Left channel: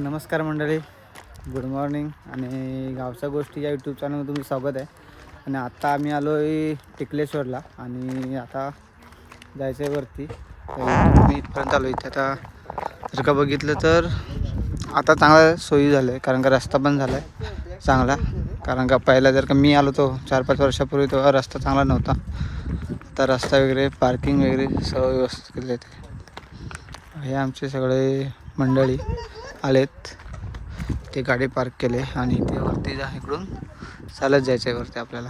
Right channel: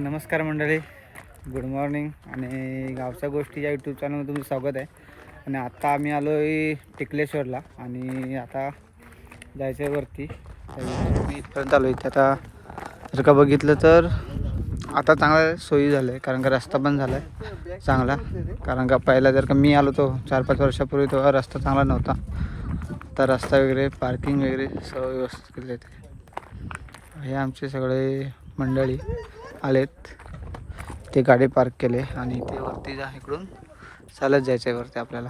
नमस्कार मंडळी, good morning आणि गावच्या गोष्टी या यूट्यूब चॅनलमध्ये तुमचं स्वागत आहे. आणि आत्ता आम्ही आलो आहे टिकलेश्वरला आणि आता जायचं आहे वरती. मी इथपर्यंत आलो. इथे आता जर का बघितलं तर आता चांगला सोयी झालं आहे, कारण का रस्ता पण झाला आहे चांगला. कारण का पहिला जर का मी आलो तो 4-5 वर्षापूर्वी तेव्हा रस्ता चांगला नव्हता. तर रस्ता वगैरे पार्किंग वगैरे सर्व व्यवस्थित केले होते. हे आमचे सगळे मंडळी आलेत, ते गाडी पार्क केले आणि ते वरती इकडून चालत जायचं आहे वरती आपल्याला.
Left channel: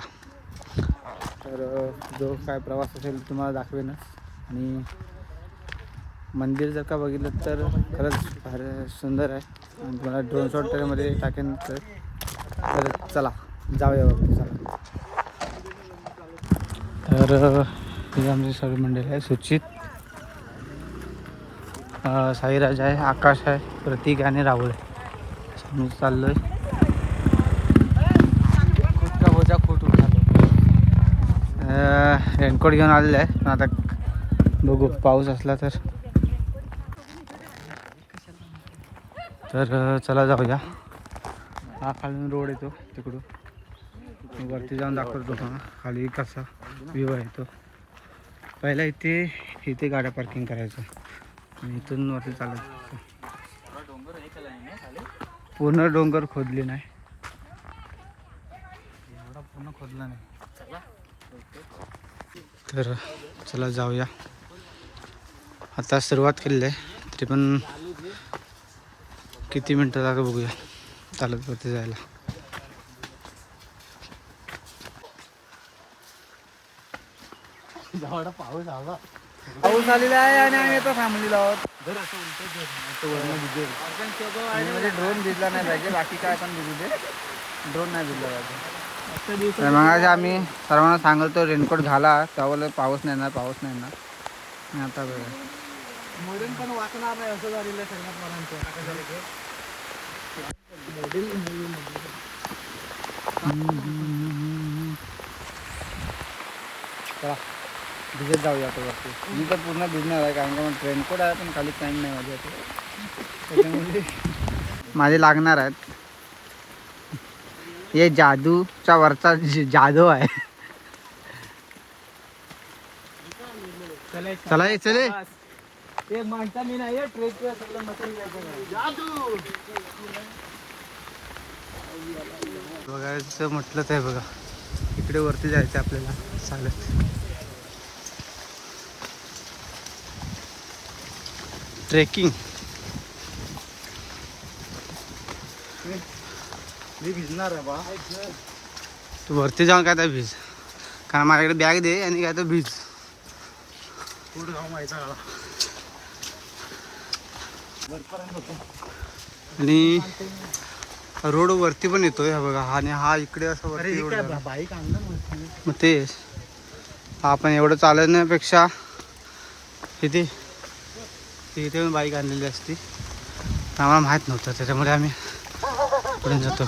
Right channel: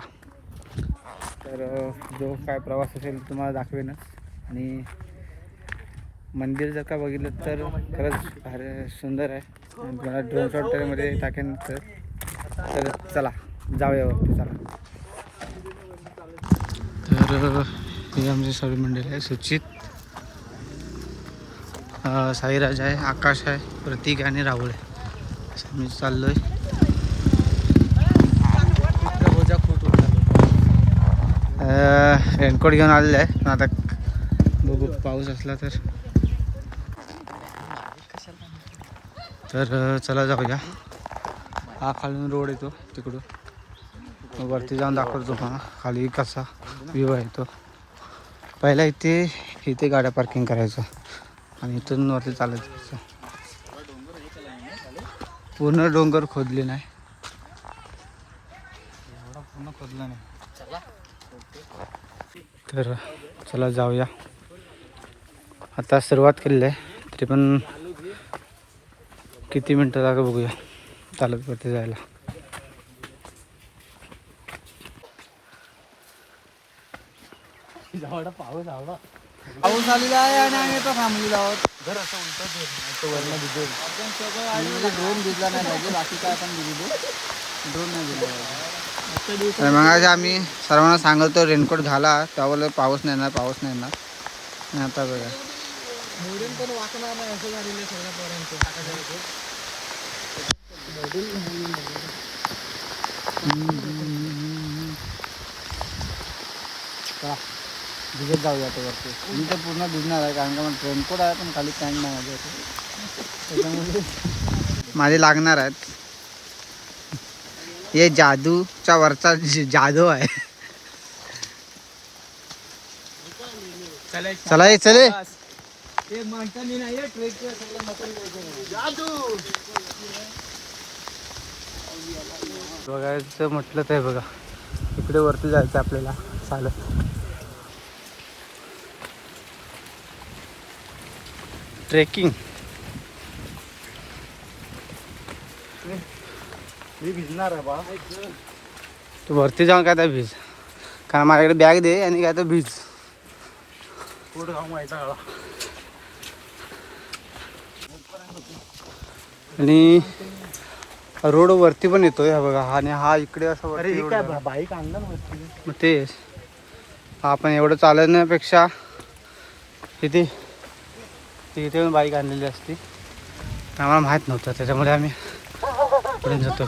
तर जो काय प्रवास असेल तुम्हाला दाखवेनच. आणि मंदिर जर का बघितलं तर खरंच फार सुंदर आहे आणि तुम्हाला ड्रोन शॉट मध्ये टाकेन. तर चला जाऊया वरती, चला. तर हे आमची सर्व मंडळी आहे. सुचित, साईराज आहे, आकाश आहे, प्रतीक आणि राहुल आहे. असं मी चाललोय. रेनकोट घेऊन आलेलं आहे, पण आता बघू पाऊस असला तर चला जाऊया. हा खालून रोड येतो तिकडून, वरती जाऊन दाखवतो तुम्हाला खाली कसा व्ह्यू आहे तो. पहिला इथे गाड्या पार्किंग करायचं आणि इथून वरती चालत जायचं. पूर्ण डोंगर खोदले नाही, पूर्ण खोदला नाही. तर चला जाऊया. आता सुरुवात केलेली आहे, तरी पण किती मिनटं लागेल बघूया चालत वरती जायला. पाऊस आलेला आहे आणि आम्ही आता थांबलेलो आहोत. म्हणजे ड्रोन भिजला नाही पाहिजे, बाकी काय पण भिजू दे, ड्रोन नाही भिजला पाहिजे. मग आम्ही सर्वांना सांगतो रेनकोट घाला, त्यावेळेला पाऊस नाही येणार, पाऊस नाही येणार. आणि आता बघा मोडून पण वाचणार नाही असं झालेलं आहे सगळ्या पोरांचं. चला भिजत जाऊया आता वरती. मी तर पूर्ण भिजणार आहे, कारण का रेनकोट आहे पण खाली पॅन्ट नाही माझ्या, त्याच्यामुळे माझे लागणार आहेत. हे जादूच्या वरचा जादू आहे. चला चले बघायचं म्हटलं तर बघा, इकडे वरती जायचं आपल्याला चालत. ट्रेकिंग मी भिजणार आहे बा. तू वरती जाऊन काय तर भिज, कारण माझ्याकडे बॅग दे आणि काय तर भिज. पुढे जाऊन माहिती आणि रोड वरती पण येतोय हा बघा. आणि हा इकडे असं वरती रोड, बाईक आणला ना. मग तेच आपण एवढं चालण्यापेक्षा तिथे पण बाईक आणलेली असती. आम्हाला माहीत नव्हतं, त्याच्यामुळे आम्ही पुढे जातो.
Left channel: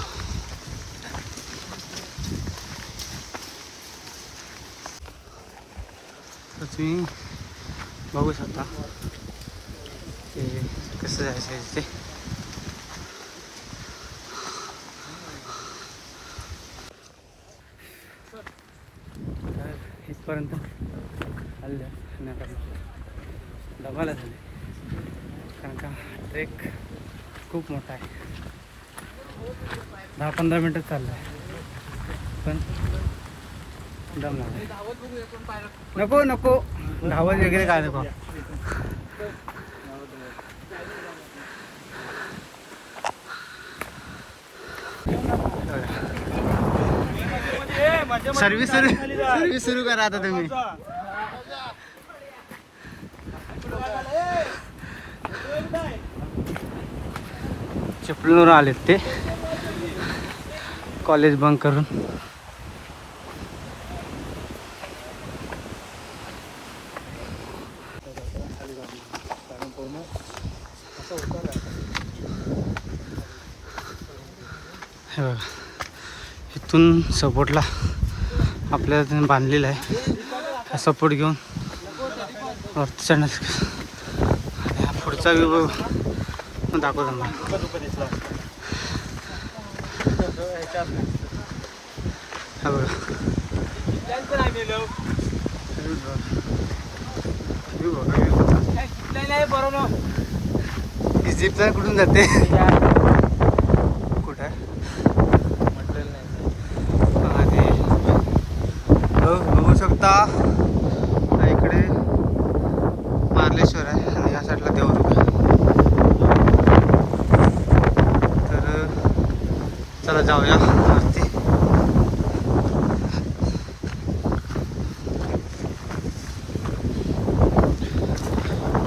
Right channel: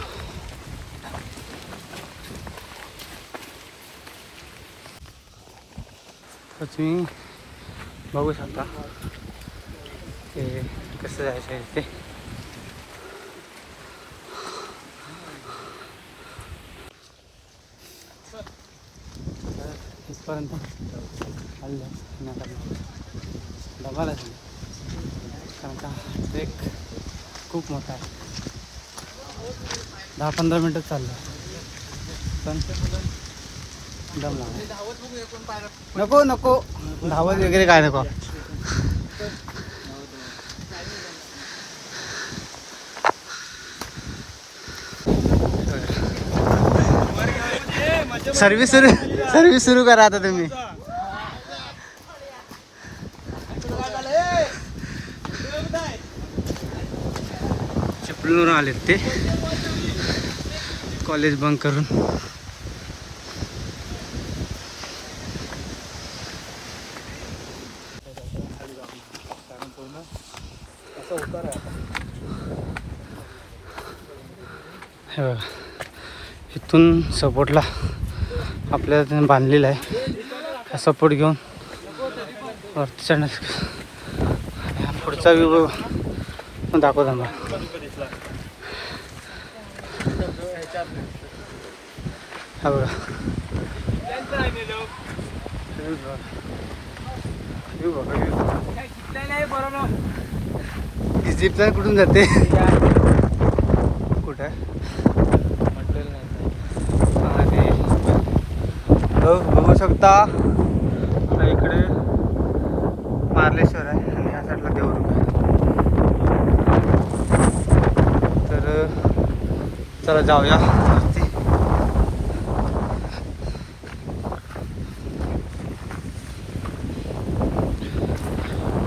तर तुम्ही बघू शकता ते कसं जायचं आहे ते. इथपर्यंत आले आणि आता दमाला झाले, कारण का ट्रेक खूप मोठा आहे. 10-15 मिनटं चाललं पण दम लागला. नको धावत वगैरे काय नको. सर्विस सुरू करा आता तुम्ही. चिपळूणवरून आलेत ते कॉलेज बंक करून. हे बघा, इथून सपोर्टला आपल्याला त्याने बांधलेलं आहे. हा सपोर्ट घेऊन वरती चढण्यास. आणि हा पुढचा व्ह्यू दाखवतो मला. हा बघा जिपलाईन कुठून जाते कुठं आणि बघू शकता इकडे मार्लेश्वर आहे आणि या साईडला देवरुख आहे. तर चला जाऊया वरती.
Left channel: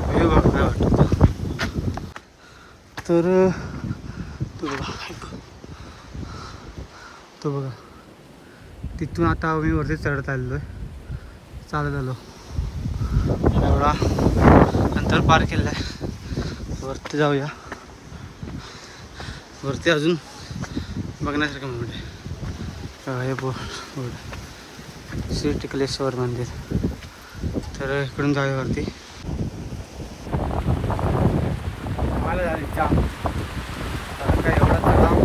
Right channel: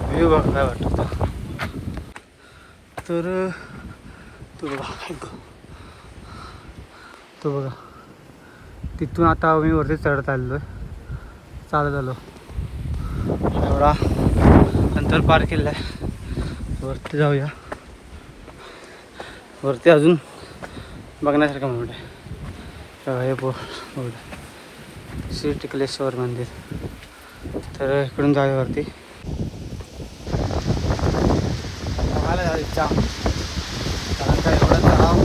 व्ह्यू बघा काय वाटतं. तर तो बघा तिथून आता मी वरती चढत आलेलो आहे. चालत आलो एवढा अंतर पार केलं आहे. वरती जाऊया. वरती अजून बघण्यासारखं मोठं आहे. हे बोर्ड श्री टिकलेश्वर मंदिर. तर इकडून जाऊया वरती. मला झाली जाम कारण काय एवढा तलाव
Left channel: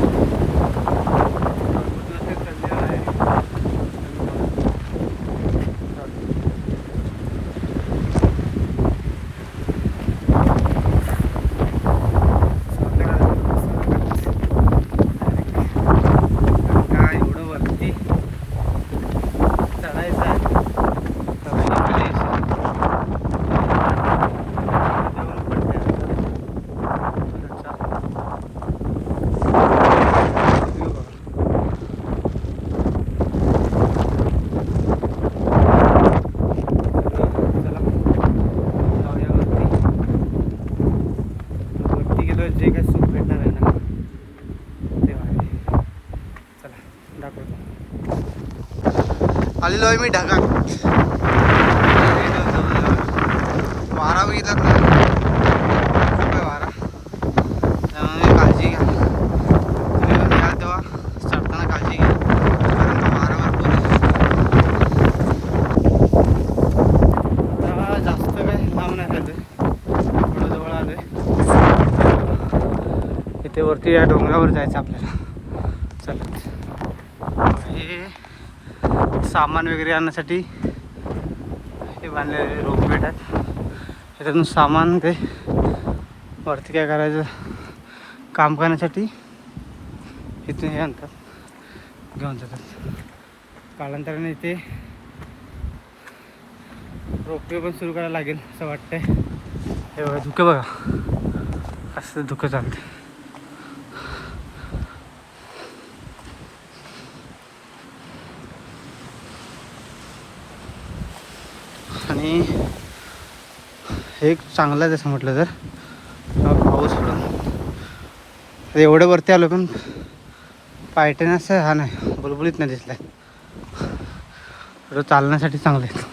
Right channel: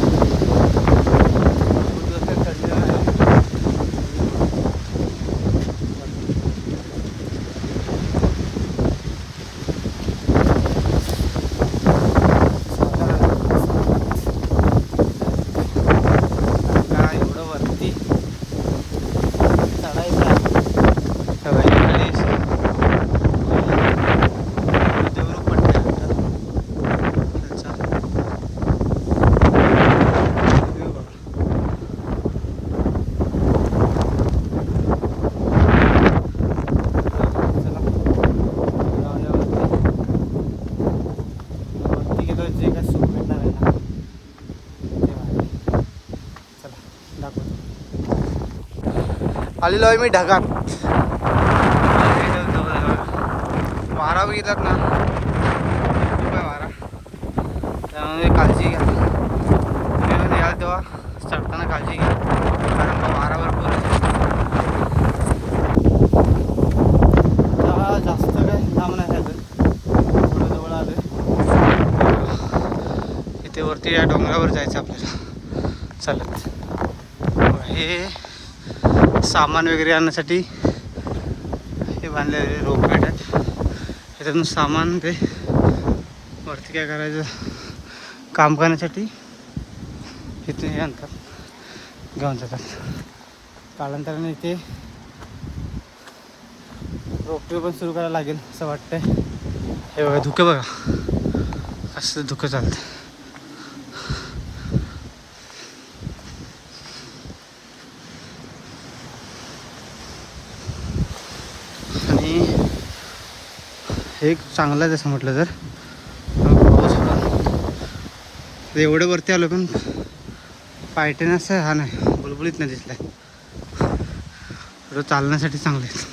आलेलो आहे मी ढगात. वारा बघितलात ना काय वारा. त्यामुळे काळजी घ्या. तुम्ही याल तेव्हा चढताना काळजी घ्या कारण का वारा भरपूर आहे. आता जास्त काय लांब नाही राहिलं. थोडं जवळ आलं. इथे वरती या डोंगरावर जायचं आपल्याला. चालेल. हे सामान वगैरे आणण्यासाठी हे बांधलेले रोप भेटतात. ह्याच्यातून सामान काही वरती काय करायचं काम करण्यासाठी इथून हे आणतात घेऊन जातात. कालांतराने इथे रोपवे पण सुरू करायला लागेल असं वाटतंय. हे बघा धुकं बघा असं धुकं चालतं. आणि एक चांगलं आहे तसं म्हटलं तर पाऊस पण एवढं वरती आलो पण पायटण्याचं हा नाही बुलबुलीत नाही दिसला आहे. थोडं चालण्यासाठी चांगलं आहे.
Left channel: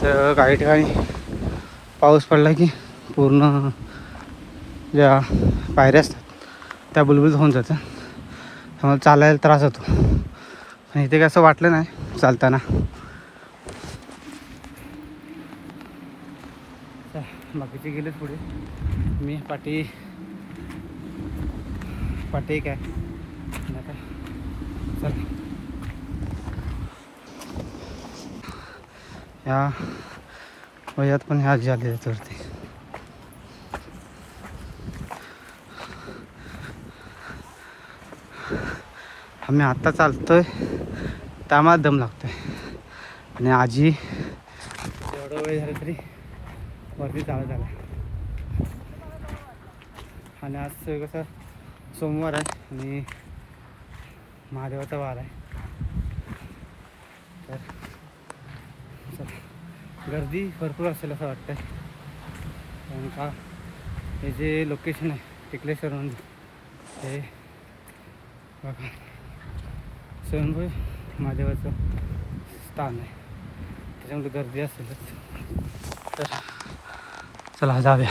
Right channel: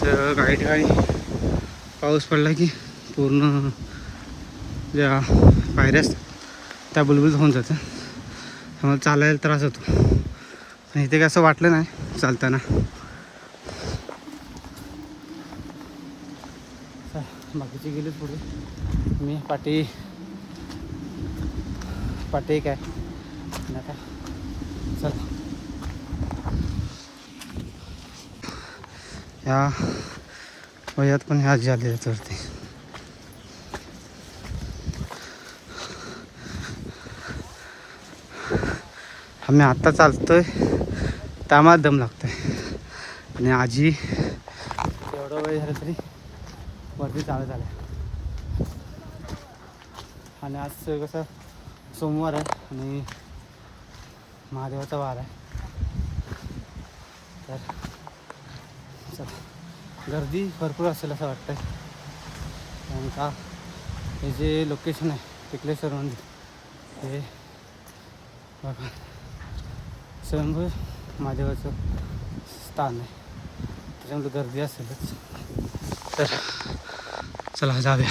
तर काही ठिकाणी पाऊस पडला की पूर्ण ज्या पायऱ्या असतात त्या बुलबुलीत होऊन जातात. त्यामुळे चालायला त्रास होतो. आणि इथे काय असं वाटलं नाही चालताना. बाकीचे गेलेच पुढे. मी पाठी एक आहे आता. चला या वयात पण ह्या आजी आले वरती. आम्ही आत्ता चालतोय त्यामुळे दम लागतोय. आणि आजी एवढं वेळ झालं तरी वरती चालत आला. आणि आज कसं सोमवार आहे आणि महादेवाचा वार आहे. तर चला गर्दी भरपूर असेल असं वाटतंय. कारण का हे जे लोकेशन आहे टिकलेश्वर मंदिर हे बघा स्वयंभू महादेवाचं स्थान आहे. त्याच्यामुळे गर्दी असेलच. तर चला जाऊया.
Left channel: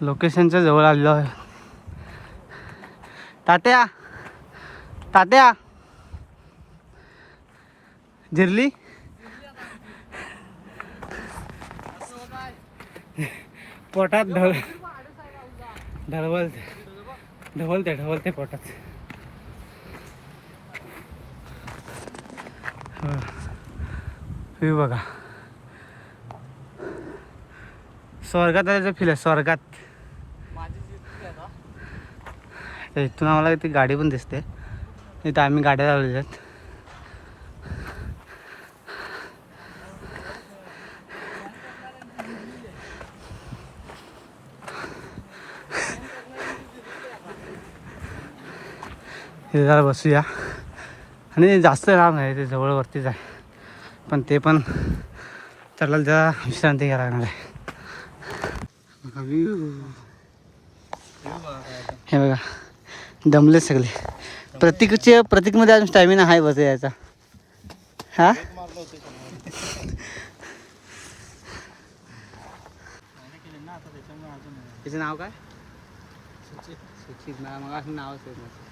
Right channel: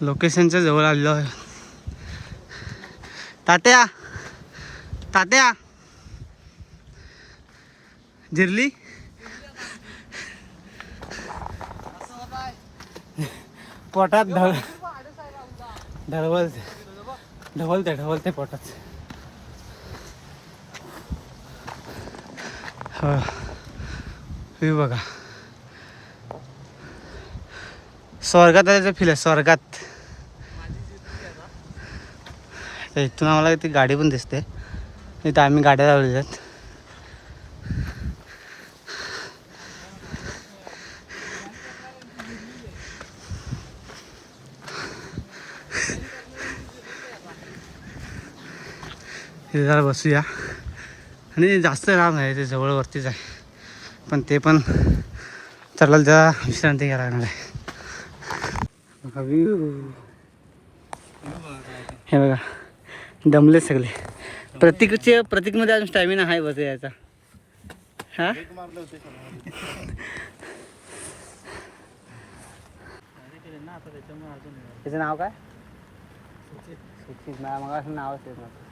लोकेशनच्या जवळ आलेलो आहे. तात्या जिरली पोटात ढवलते पोटात. हो बघा, स्वर्गात आल्याचं फील आहे, स्वर्गात. इथून आम्हाला ती गाडी पण दिसते, इथं आम्ही गाड्या लावलेल्या आहेत. हे जरा बसूया, आणि जास्त लांब नाही, ते जवळवरतीच आहे, पण ते पण चला जरा विश्रांती घ्यायला लागणार आहे. हे बघा दमले सगळे. प्रतीकमध्ये अजून स्टॅमिना आहे बस यायचा. हा त्याचं नाव काय? सुचित. मग असं नावच आहे माझं.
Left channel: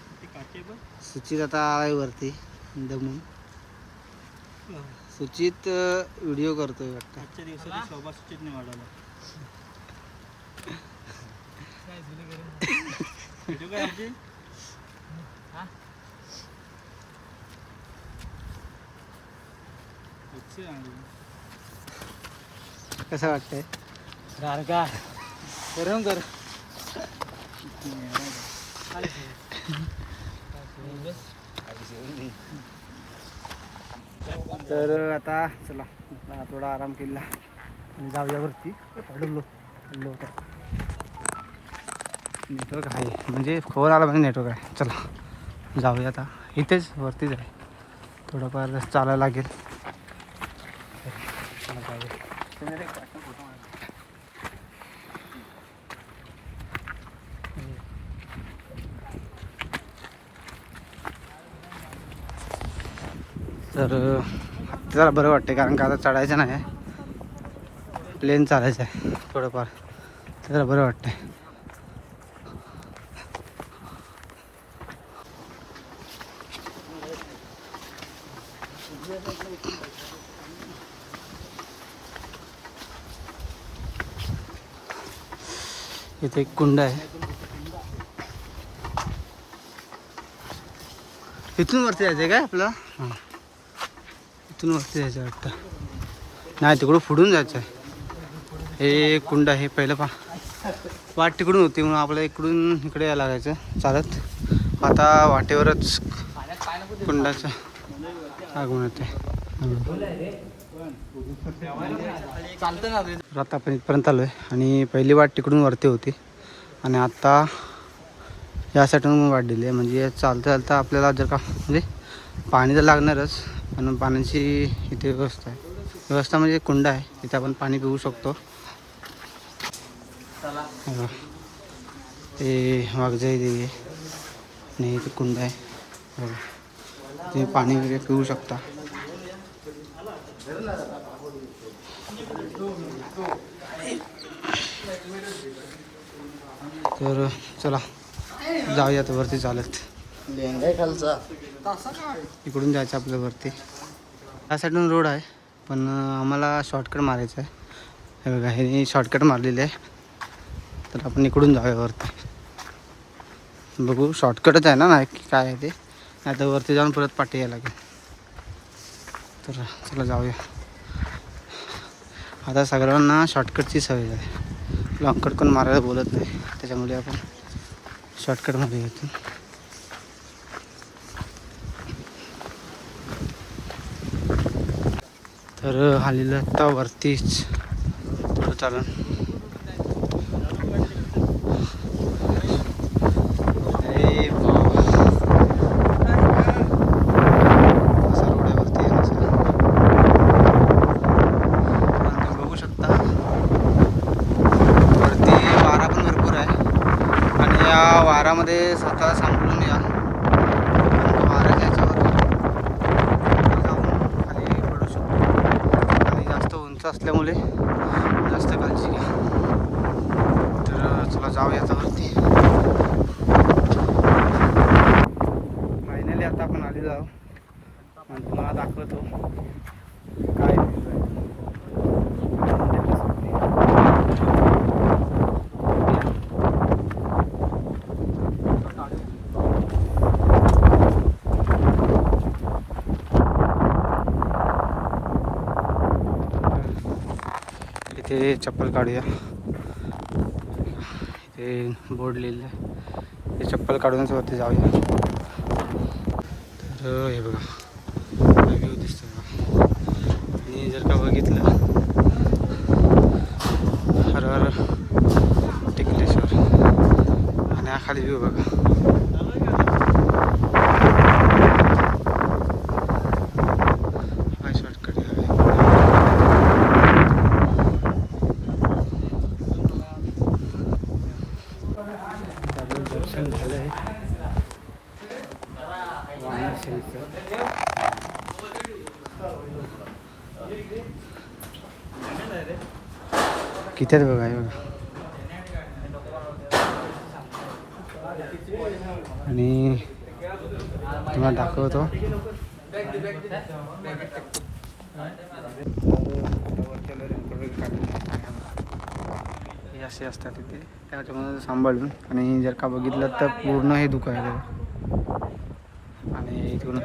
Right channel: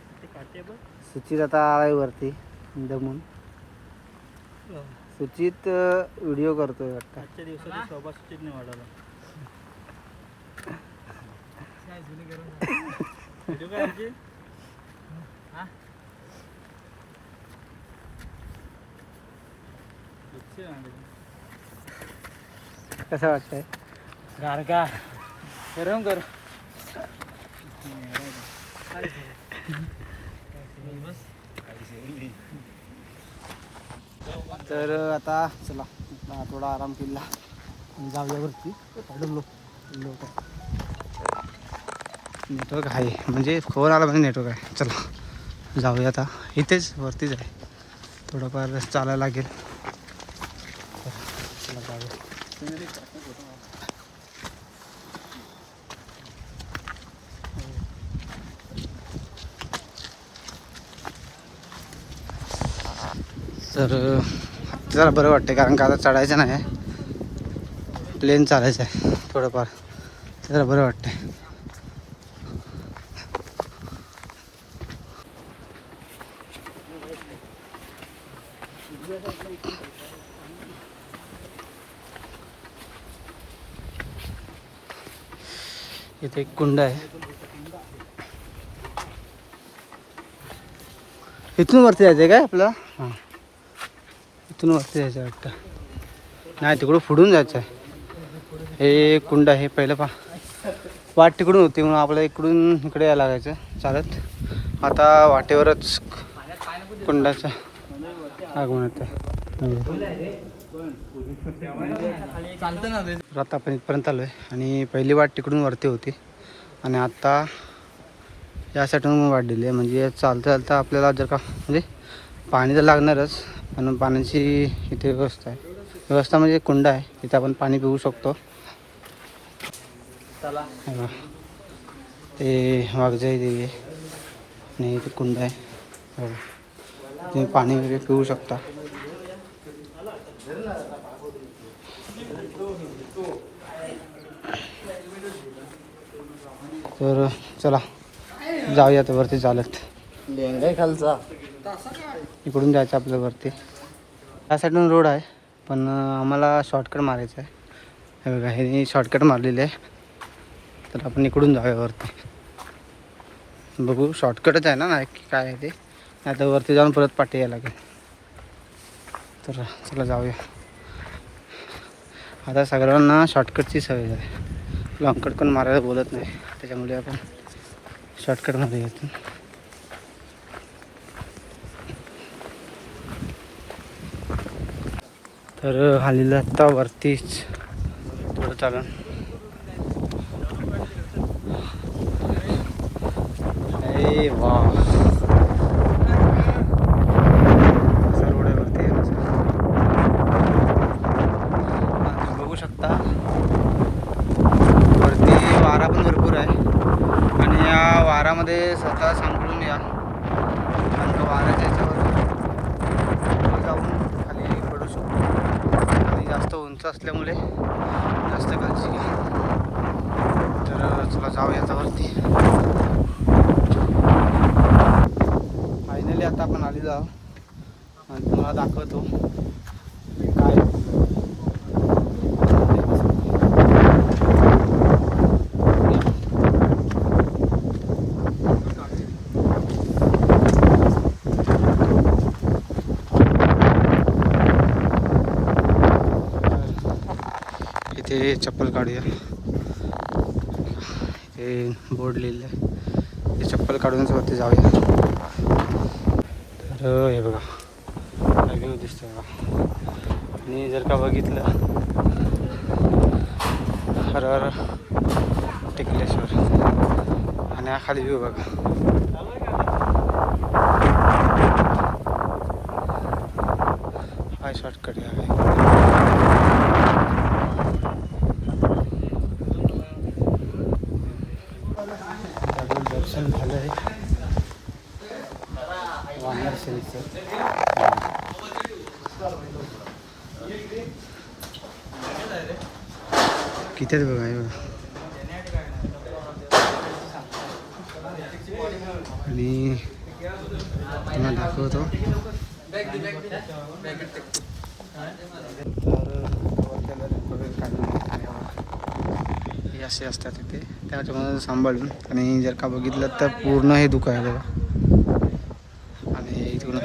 सुचित आता आहे वरती दमून. सुचित व्हिडिओ करतोय वाटतं. आजच्या दिवसात शोभा सुचितने वाढवला. कसं वाटतंय? गारगा गरम कर. तर आता चला थोडा आराम केला आणि जाऊया वरती. नेटवर्क आहे, म्हणजे फोन आला म्हणजे नेटवर्क आहे. चला जाऊया आता, इथेच वरतीच आहे, थोडंफार चालायला लागेल. चला जाऊया. तर जरा बरं वाटतं, कारण का आता चढायचं नाही, प्लेन चालायचं आहे थोडंफार, जरा बरं वाटतं. इथे एक कुंड आहे, इथून वरती जायचं आहे काय आपल्याला? हां, इथून वरती जायचं आहे वाटतं. नाही, तिकडून पुढून जायचं आहे. हे कुंड आहे, पहिलं वाट तिकडून होती म्हणून आपल्याला इकडून इकडे यायला लागायचं चालत. आता वाटेवरच कुंडाचं आगमन येतं आहे. आता आपण इथपर्यंत आलो आहे, आणि पहिली वाट तिकडून वरती होती, आणि आत्ता या साईडून वाट दिली आहे. म्हणजे चालता आपल्याला जर का म्हणजे पाणी तर लागणारच, पण पाण्याची इथे व्यवस्था आहे. व्यवस्था म्हणजे कुंड आहे, इथे आपण पाणी पिऊ शकतो. ते वाघजाई देवी आहे, आणि इथे कुंड आहे, तुम्ही पाणी वगैरे पिऊ शकता. तर चला जाऊया आता वरती चालत. खालचा इकडून जायचं आपल्या वरती. या साईडून रोड आहे, पण आम्हाला शॉर्टकट मारायचं आहे. हे बघा, हे शॉर्टकट मारलेले आहे, तर आपण इकडून जाऊया वरती. बघू शॉर्टकटच आहे ना, नाही काय आहे ते, नाही तर वरती जाऊन परत पाठी यायला लागेल. तर चला जाऊया. आता सगळ्यांना शॉर्टकटची सवय आहे, लॉंगकट पण मारायला बोलत नाही, त्याच्यामुळे आपण शॉर्टकटमध्ये येतो. तर आलेलं आत्ता वरतीच थोडं चालून. अरे वा, असं रोड आहे वरती येण्याचं. बघू शकता वरती वारा पण भरपूर आहे, आणि या वारामध्ये स्वतः सांभाळून या. वाऱ्याच्या ह्याच्यावर जाऊन खाली पडू शकतो, आणि जास्त उंच असल्यामुळे जास्त काळजी घ्या. तर तुला जाऊया आता वरती. फायनली आता आपण आली जाऊ, आणि तुम्हाला दाखवतो काय. इथे चप्पल काढूया. इथे बोर्ड लिहिलं आहे. ते चप्पल काढूनच वरती जाऊया. तर हे बघा काय व्ह्यू दिसतो बघा. आणि जर का बघितलं हर हर टिकलेश्वर आणि हा खाली व्ह्यू बघा. हा शॉर्टकट आहे. दर्शन झालं आहे वानर शरीचं. किती आहेत बघा हे बघा. आणि तुम्हाला दाखवतो हे असे असतात तिथे त्याच्यामध्ये सांभाळून. आणि जर का बघितलं तर पूर्ण हे दुःख आहे बघा. आणि इथून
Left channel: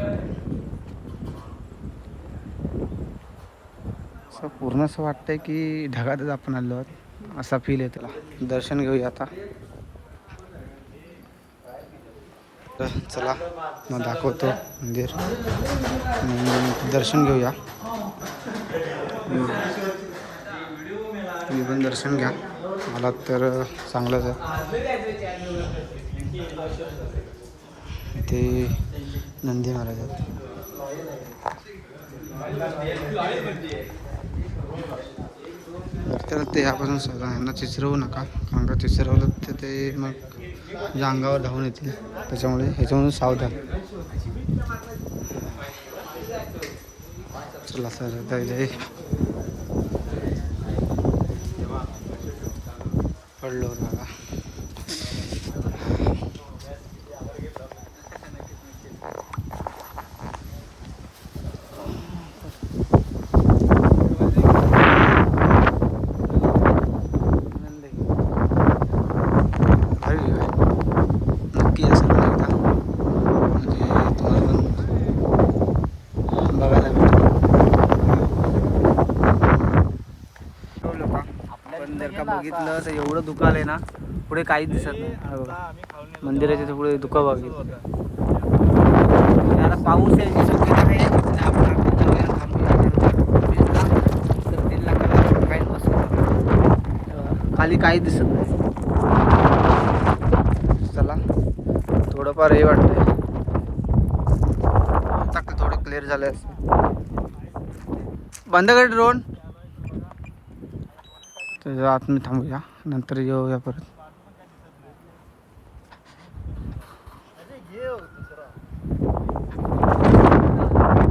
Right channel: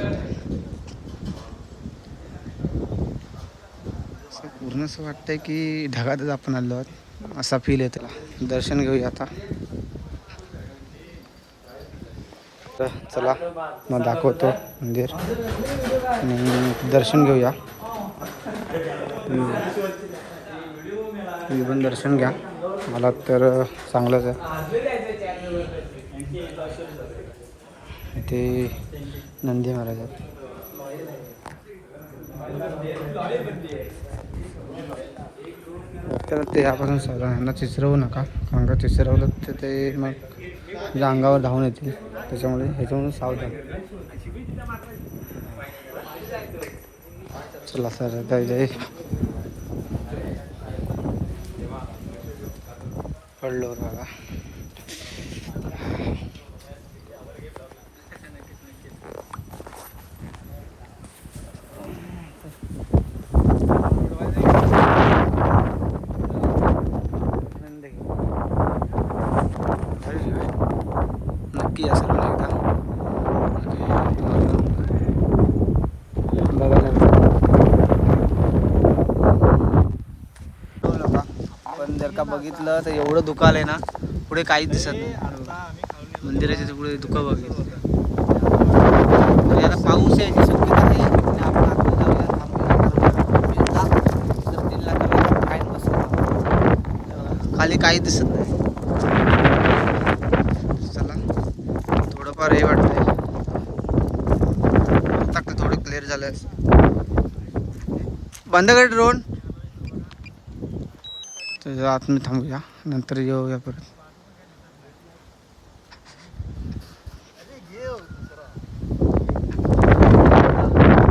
असं पूर्ण असं वाटतंय की ढगातच आपण आलो आहोत असा फील आहे. त्याला दर्शन घेऊया आता. तर चला मग दाखवतो मंदिर आणि दर्शन घेऊया. तुम्ही पण दर्शन घ्या. मला तर चांगलंच आहे. इथे नंदी महाराज आहेत. त्याला ते यापासून सावधान. यांना चिचरवू नका कारण का चिचरवलं तर ते मग तुझ्या अंगावर धावून येतील. त्याच्यामुळे ह्याच्यामधून सावधान. चला सर जय पडलो बघा. नक्की या सर्व एकदा म्हणजे तुम्हाला बघायला पण जर का बघितलं तर एवढं धुकं आलंय ना पुढे काहीच दिसत नाही. मंदिराच्या पुढे धुकं बघितलं म्हणजे आता पाऊस यायची शक्यता आहे. खाली काहीच दिसत नाही. चला थोडंफार हे वाटतंय आता थोडे क्लिअर झाले असते. बंद कर ड्रोन. तर आतमध्ये थांबूया नंतर येऊया परत.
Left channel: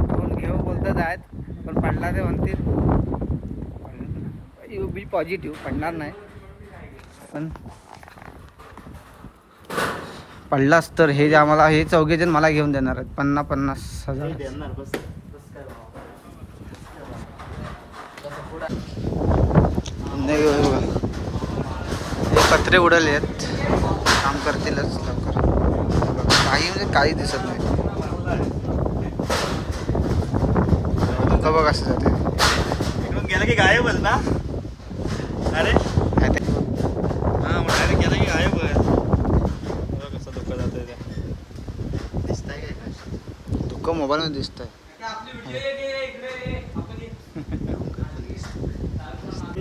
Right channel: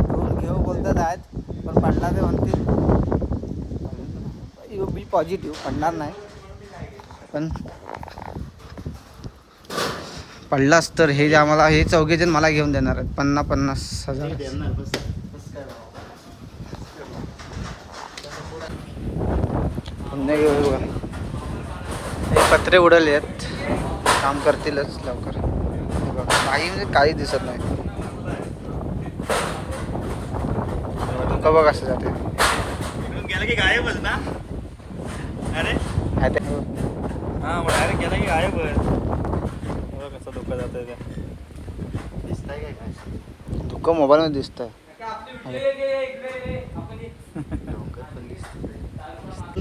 ड्रोन घेऊ बोलतात आहेत पण पडला ते म्हणतील बी पॉझिटिव्ह पडणार नाही. पण पडलास तर हे जे आम्हाला हे चौघेजण मला घेऊन देणार आहेत 50,000. नाही बघा हे पत्रे उडवले आहेत. काम करतीलच लवकर. काही म्हणजे काही दिसत नाही. धुकं बघ असं जाते. गेला की गायब ना. अरे हा मला गेला की गायब कसं धुकं जातंय ते. धुकं मोबाईलमध्ये दिसतंय.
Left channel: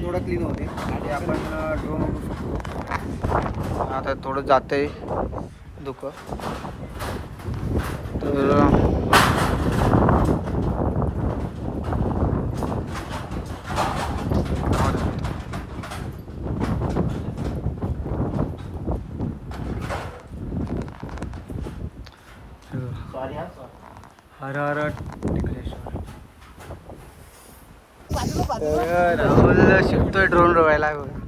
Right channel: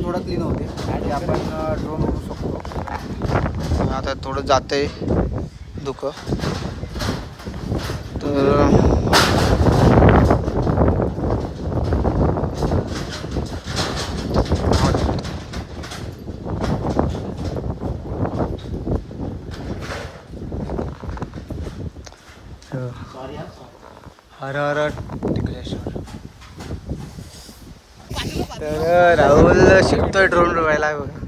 थोडं क्लीन होते आणि आपण ड्रोन उडू शकतो. आता थोडं जातंय धुकं तर हर हर टिकलेश्वर. राहुल शिकतोय ड्रोन उडवायला बघा.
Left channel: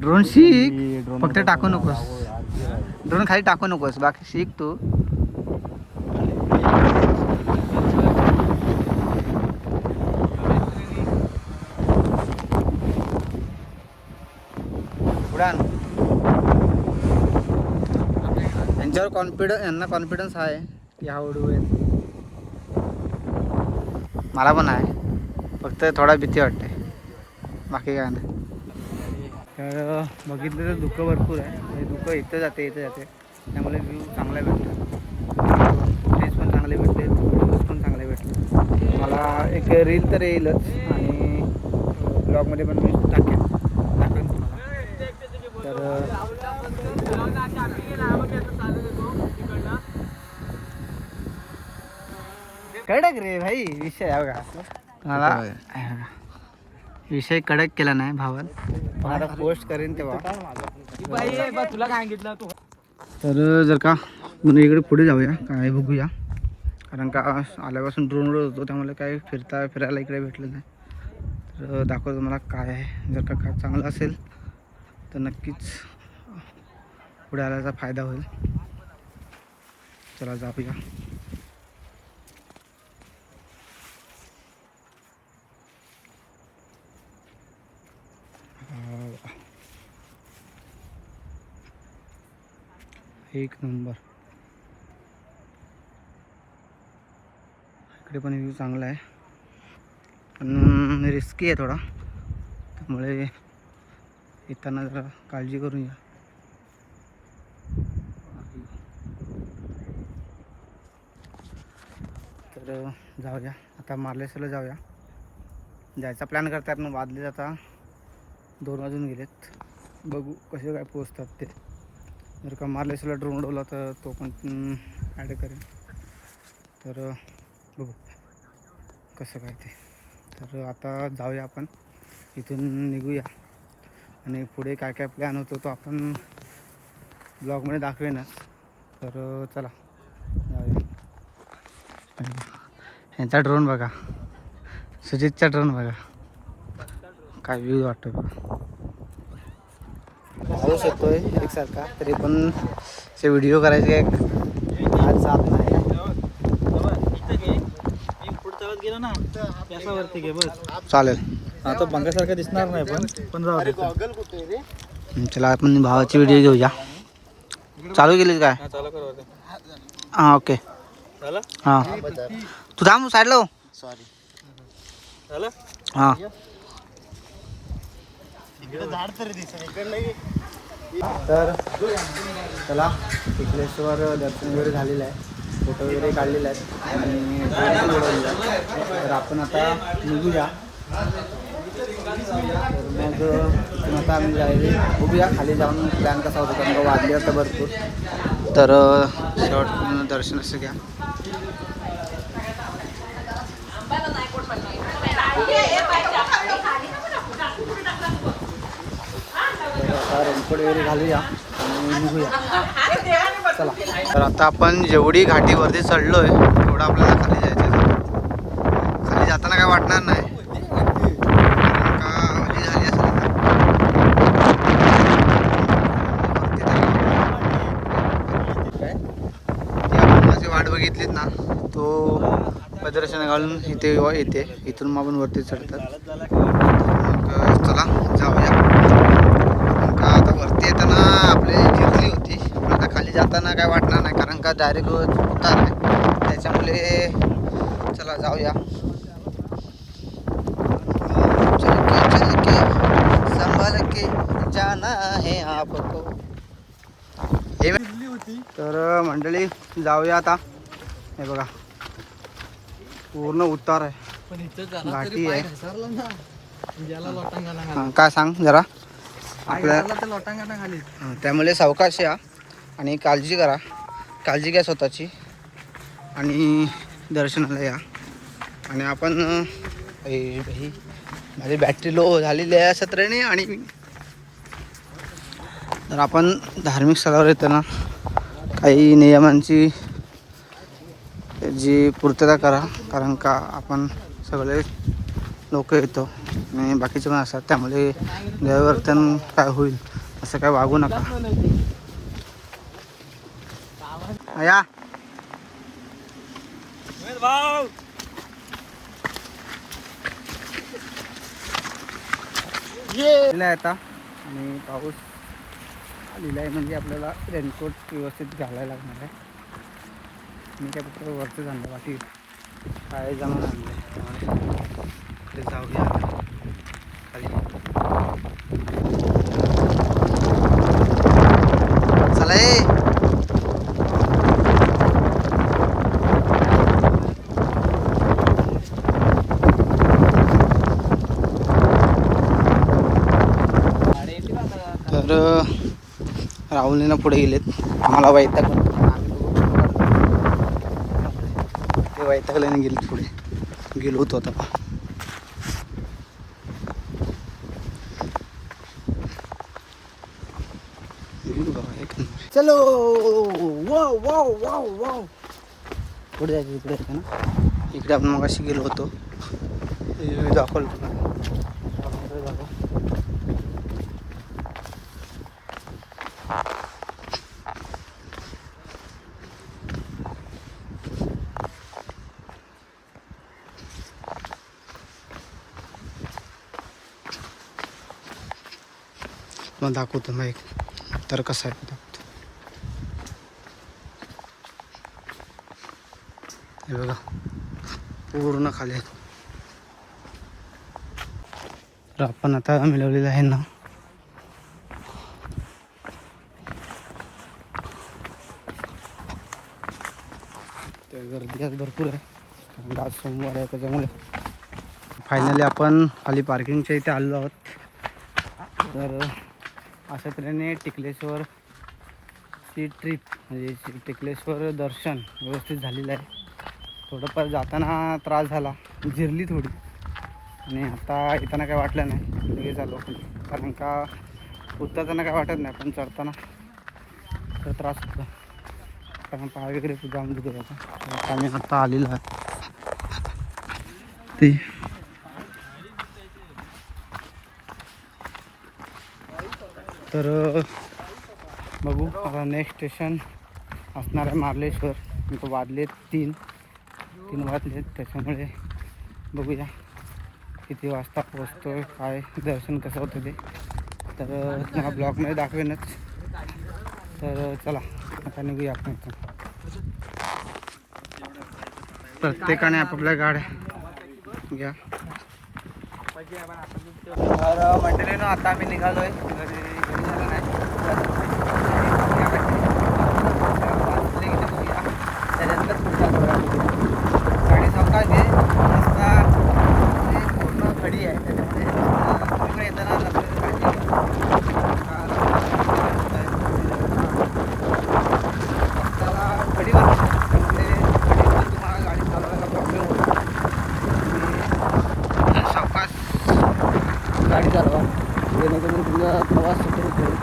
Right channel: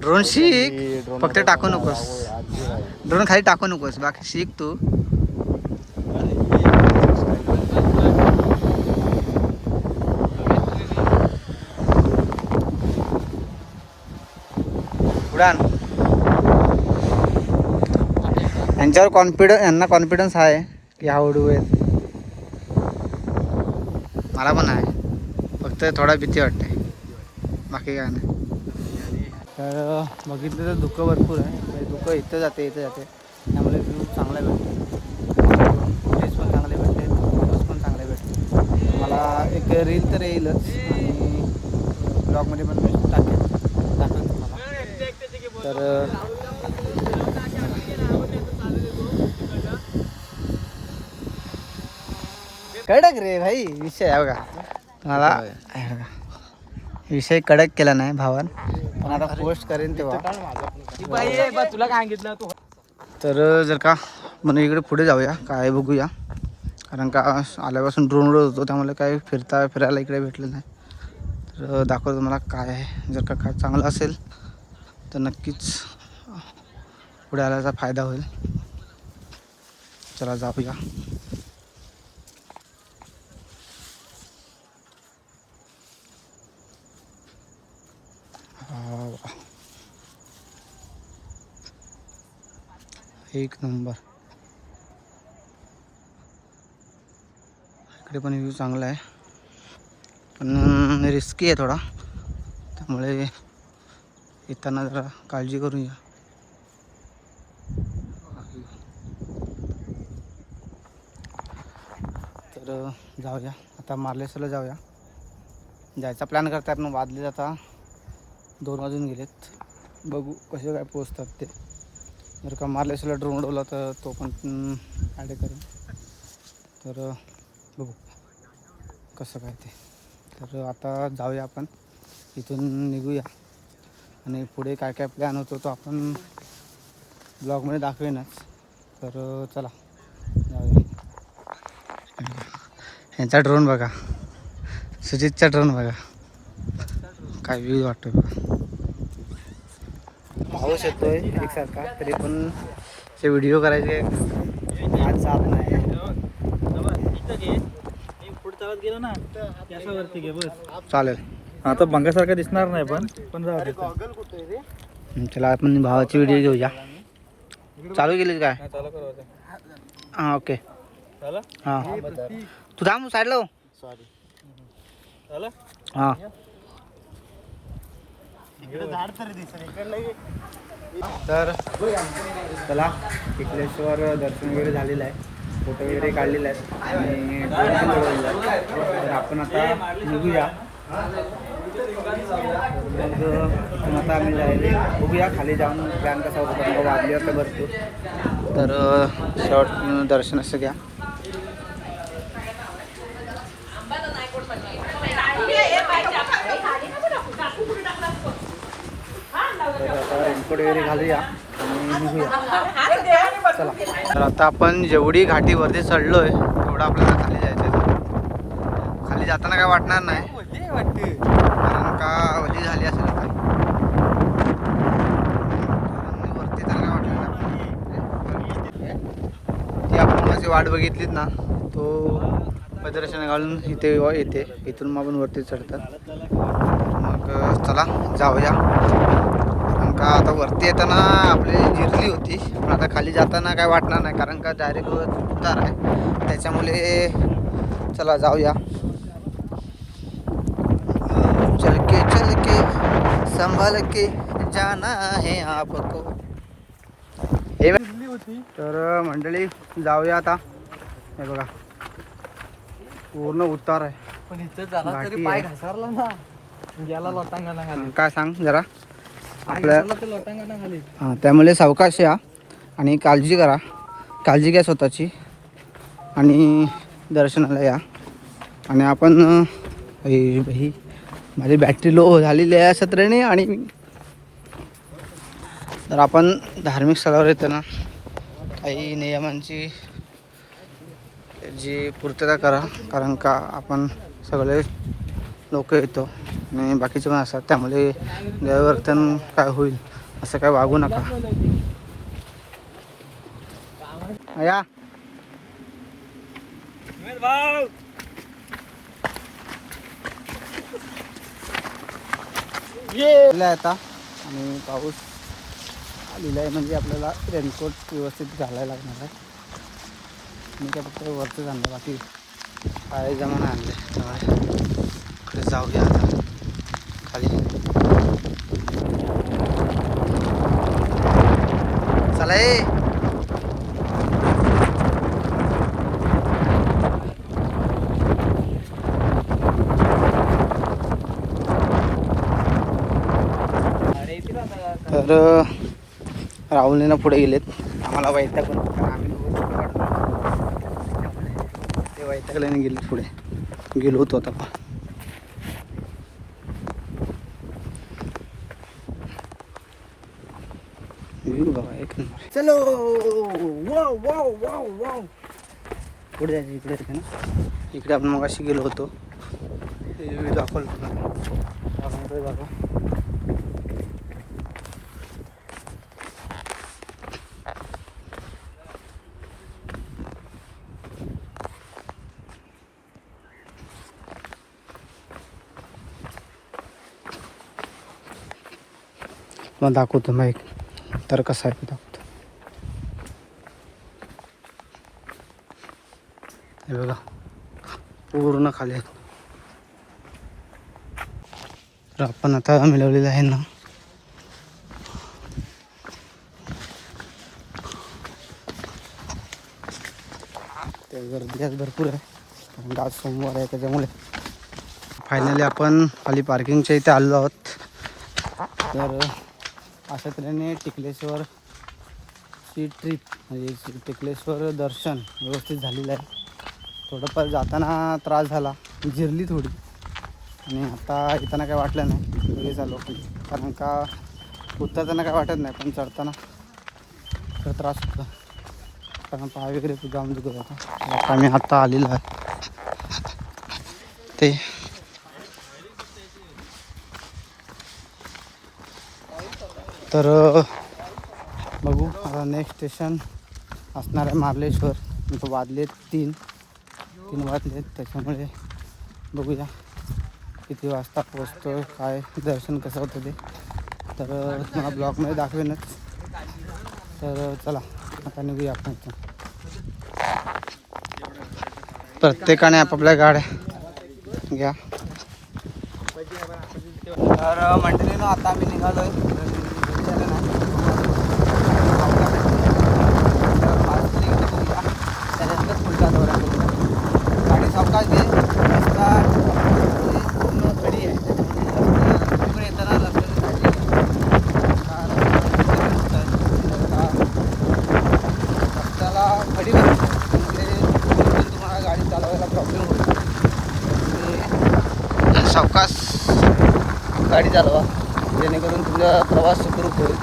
ड्रोन शिक फक्त टाकू नकोस. ड्रोन खाली टाकू नकोस बाकी शिक तू. उडान यांच्यावर यांना कॉन्फिडन्स आहे की हा उडू आहेत. मला पण आहे फक्त थोडा भीती वाटते. बाकी काय नाही. तर बघितलं तर धुकं भरपूर आहे. धुकं इथं जाते त्यामुळे व्ह्यू चांगला भेटतो. प्लेस पण चांगले भेटते, फोटोज पण चांगले भेटते. मला एक रील तर येईलच आणि ब्लॉगमध्ये पण मी दाखवेन तुम्हाला. तर कडक रे भाई विषय आहे बघा. तुम्हाला विषय कडक केला नाही भावान, पण आता पोस्ट करेन तेव्हा. तुला काय सांगितलं तू? तर जर का म्हणजे इकडे पुढे जाऊया, काय बघूया. कारण का आल्यापासून ड्रोन उडत होतो, त्यामुळे काय फिरायला इकडे भेटलं नाही. तर दाखवतो तुम्हाला काय आहे. जर का काय चांगलं असेल तर नक्कीच पुढे आल्याचा फायदा होईल. चला जाऊया. एक नंबर. इकडे पण व्ह्यू चांगला आहे, पण रिस्की आहे थोडा, त्यामुळे येताना जरा काळजी करून या. तर जाऊया आता मार्लेश्वरला जाऊया. जायचा प्लॅन करतात मग वाजले आता 2 वाजून गेलेत. बघू कसे काय पोचतात ते. जर का मार्लेश्वरला ड्रोन उडवला तर तो पण ॲड करेन. तर बघू कसं काय ते. तर आता जाऊया आपण, इथून निघूया आणि पुढे काय काय प्लॅन होतो तो आपण ब्लॉगमध्ये दाखवेनच. तर चला जाऊया. ह्यांचा ड्रोन बघा, सुजितचा ड्रोन बघा काय व्ह्यू वाटतो बघा. पाऊस येतोय एकसारखा, तरी पण ते व्हिडिओ करायचे आज जात नाही. पुढचा गेलो ना त्याच्यावरती घे बस. चालेल. आता बंगासारखा दिसणार नाही पण राहू दे. चला आपण भावाची व्हिडिओ घेऊया. चालू केलीस काय? हां ओके. हां तू थांब साईडला. सॉरी हां तर चला टिकलेश्वर दर्शन वगैरे झालेलं आहे, फोटो वगैरे काढलेले आहेत आणि ड्रोन पण उडवलेला आहे. तर आपण आता निघूया. तर मग इथून आता आम्ही जायला बघूया खाली जाऊन प्लॅन कसा होतो. त्यामुळे वाजली होता भरपूर. तर शेवट दर्शन असं घ्या. तर आता रेनकोट वगैरे घालूया आणि निघूया. चला. तर आता आपण जेवढी घाटीवरती चढलो आहे तेवढं आपल्याला खाली जायचं आहे. खाली जाताना काय वाटणार नाही, का वली झाली असेल आता. वरती तर आपण माझी वाट बघितलीत ना, तो प्रदर्शन घालून इथे येते. इथून मग आपण वरती चढतात. मग चला जाऊया. का आता वरती येताना आपली जिरली होती, पण आता खाली जाताना काय वाटणार नाही, कारण का डायरेक्ट उतार आहे. त्याच्यामुळे चला जाऊया. चल के संभल के जाना है आपको. हे तर मंडळी जाऊया आता. हे बघा पूर्ण उतार आहे, पण इथं घाटी आहे. याला लोटांगणा हां काय सांग जरा आपल्या. ते लोटांगणा खाली. हां त्यामुळे सावकाश या आणि काळजी करा, काळजी घ्या स्वतःची आणि दर्शनाला या. आणि आपण माझी बॅटरी लो झालेली आहे सत्राने. आणि तर आपण धार्मिक स्थळावर येताना काही नियमांची जी पूर्तता करा, कारण का आपण सगळे लोक येतो आणि बाकीचे पण असतात, त्यामुळे गैरवर्तन काय होईल असं काय वागू नका. या आता आणि पाऊस आलेला आहे, म्हणजे आपल्याला रेनकोट व्यवस्थित घालायला लागणार आहे. मी काय फक्त वरचं आणलं, बाकी काय जमून आणलं आहे. त्यामुळे इकडे जाऊया आता खाली. झाला ए. तर राहुलने ना पुढे गेलेत. आम्हाला वैतागून ते वैतागल्याने गेलेत पुढे. गेलो होतो आता पा बाबा एक नंबर. चलो वाव वाव वाव वाव. पुढे जायचं इकडे येते ना. इकडे आपण मग गेलो होतो. दाखवलं मग दाखवतो मग एक तर कसं आहे ते दाखवतो. हे बघा पूर्ण खाली आहेत. तर आपण आता मिळवलेलं आहे ना ते गर्दी आज भरपूर आहे. आज सोमवार आहे त्याच्यामुळे फायनली आपण खाली पार्किंगच्या इथे आलो आहोत. तर अशा तऱ्हेने टिकलेश्वरची ट्रिप म्हणजे टिकलेश्वर दर्शन व्यवस्थित झालेलं आहे. थोडंफार जाताना त्रास झाला, जिरली थोडी, आणि आता येताना काय वाटलं नाही, लगेच आलो. कारण का उतरताना काय वाटत नाही, पण चढताना थोडा त्रास होता कारण पाय वगैरे जाम दुखत होता. आता मी आता आलेलो आहे ते तर बघू. आता नेक्स्ट स्टेशन असणार आहे मार्लेश्वर. इथं वाजले तीन वाजलेत, त्याच्यामुळे बघूया किती वाजता पोचतो आहे, काय दर्शन कसं होतं ते तर मला ब्लॉगमध्ये दाखवेनच. तर चला आता निघूया आपण इथून. प्रत्येकाने आपापल्या गाड्या घ्या. तर मंडळीनं आता आम्ही निघालो आहे. घरी झालं नाही, त्याच्यानंतर पुढचा दौरा गाडी सावकाश आहे. रस्ता पूर्ण खडी आहे, त्याच्यामध्ये तिकडे येताना रस्त्याला खडी नसते, त्यामुळे तुम्हाला गाडी चालवायला प्रॉब्लेम होईल. सावकाश गाडी चालवा जेणेकरून तुमचा प्रवास सुखरूप होईल.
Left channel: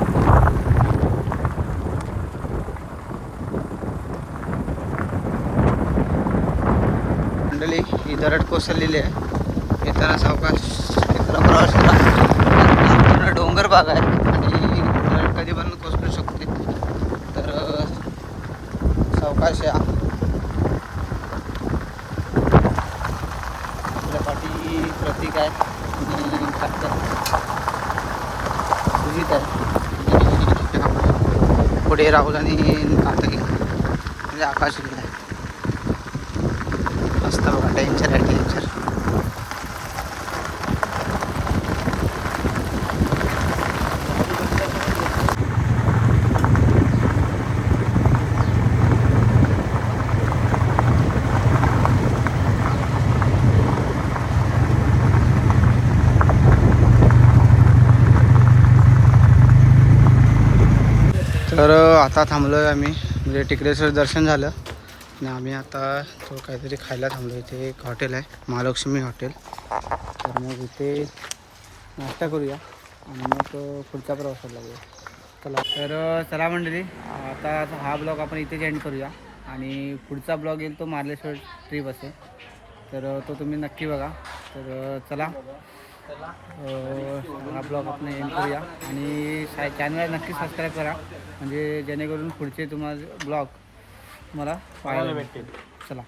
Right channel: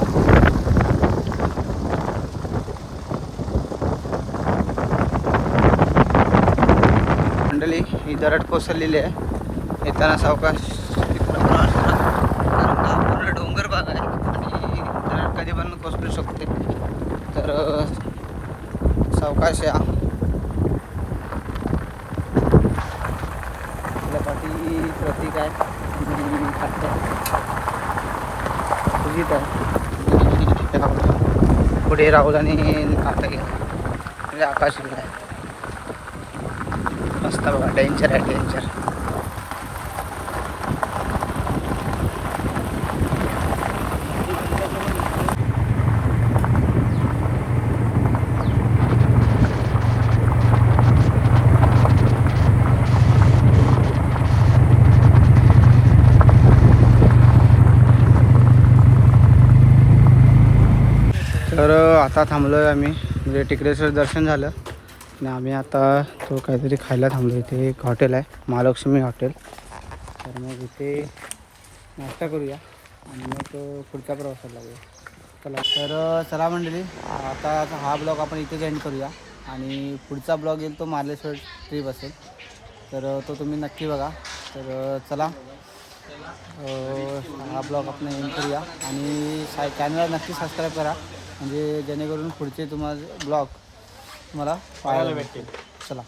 मंडळी ही दरड कोसळलेली आहे. येताना सावकाश प्रवास करा. पूर्ण डोंगर भाग आहे आणि दरड कधी पण कोसळू शकते, तर सावकाश या. आपल्या पाठी प्रतीक आहे, पुढे राहुल आणि आता गेला म्हणजे आकाश गेला. मस्त बघा, डेंजर आहे डेंजर. तर आता थांबलो आहे आम्ही, म्हणजे टिकलेश्वर दर्शन झालं आणि आम्ही आता तो काहीतरी खायला थांबलो. इथे एक हॉटेल आहे, महालक्ष्मी हॉटेल. तर मग इथे नाश्ता करूया आणि मग पुढच्या प्रवासाला लागूया. चला तर चला मंडळी, आता हा ब्लॉग आपण इथे एंड करूया आणि पुढचा ब्लॉग येईल तो मार्लेश्वर ट्रिप असेल, तर तो तुम्ही नक्की बघा. तर चला हा ब्लॉग आपण एंड करूया आणि चॅनलला नक्की सबस्क्राईब करा, म्हणजे जेणेकरून पुढचे तुम्हाला ब्लॉग तुम्हाला पाहायला भेटतील. चला.